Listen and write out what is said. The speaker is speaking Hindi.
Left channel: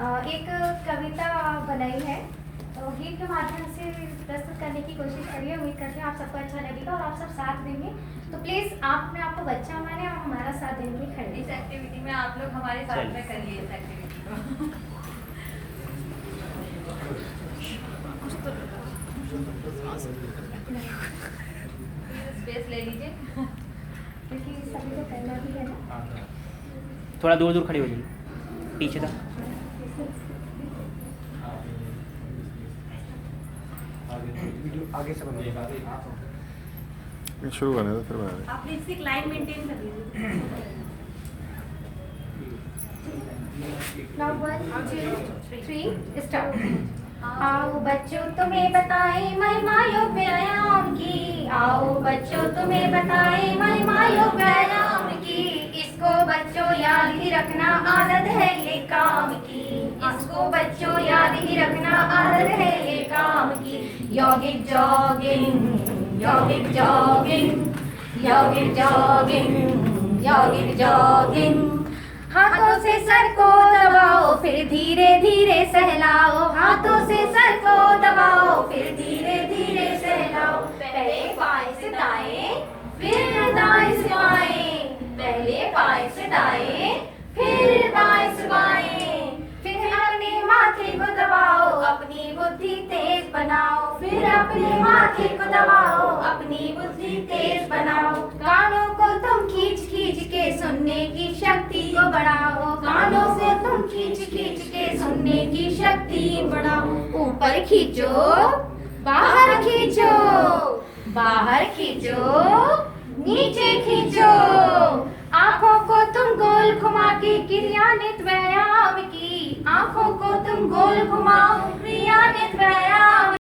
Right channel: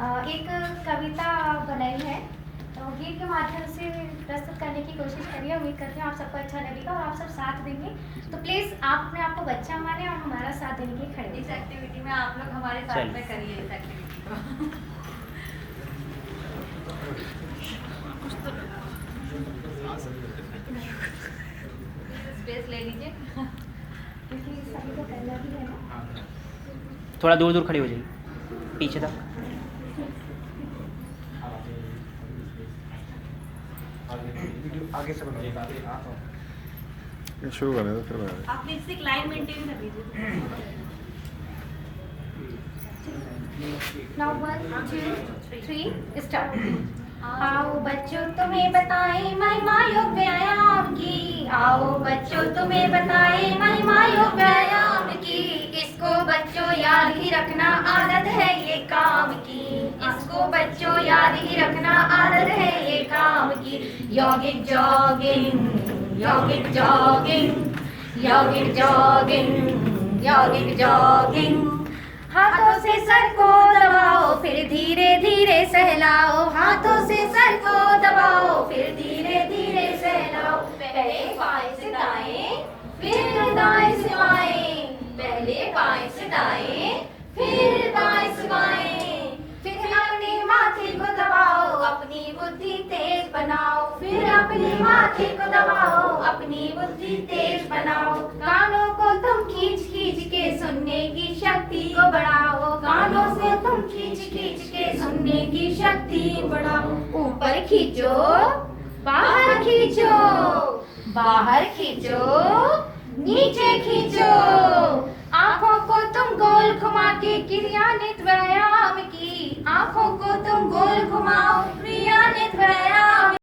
एक कविता बनाई है, तो गीत के माध्यम से प्रस्तुत करने की कोशिश करिए। उम्मीद करती हूँ आप सबको अच्छा लगेगा और आप सब साथ देंगे। तो प्लीज़ आप अपने आप को बच्चा माने और हमारा साथ देने के लिए खड़े। इस एक्टिविटी में आप लोग हमारे साथ में करिए इस एक्टिविटी को। स्पेस ले लीजिए क्योंकि सभी को करना भी है ना। थोड़ा दूर दूर खड़े हो जाइए, पीछे तक। आगे से बनाओ। शुरू करने दो फिर बना रहे। आप प्लीज एक लाइन मेंटेन कर लीजिए। Now 1 2 3 start. आओ बच्चों तुम्हें बताएं महिमा योग व्यायाम की, आओ बच्चों तुम्हें बताएं महिमा योग व्यायाम की। इसको बच्चों याद ही रखना आदत है ये काम की, इसको बच्चों याद ही रखना आदत है ये काम की। यौगिक जॉगिंग, यौगिक जॉगिंग, यौगिक जॉगिंग, यौगिक जॉगिंग। हाथों से सर को दबाओ फिर धीरे धीरे सहलाओ, हाथों से सर को दबाओ फिर धीरे धीरे सहलाओ। पहले बाएं से दाएं फिर दाएं से बाएं, पहले बाएं से दाएं फिर दाएं से बाएं। फिर अपने माथे को दबाओ अपनी बुद्धि तेज बनाओ, फिर अपने माथे को दबाओ अपनी बुद्धि तेज बनाओ। कानों को तुम खींच खींच के सुनने की शक्ति को बढ़ाओ, कानों से तुम खींच खींच के सुनने की शक्ति बढ़ाओ। ऊपर खींचो बाहर खींचो, बाहर खींचो नीचे खींचो। आंखों को तुम गोल घुमा के क्रियान्वित व्यायाम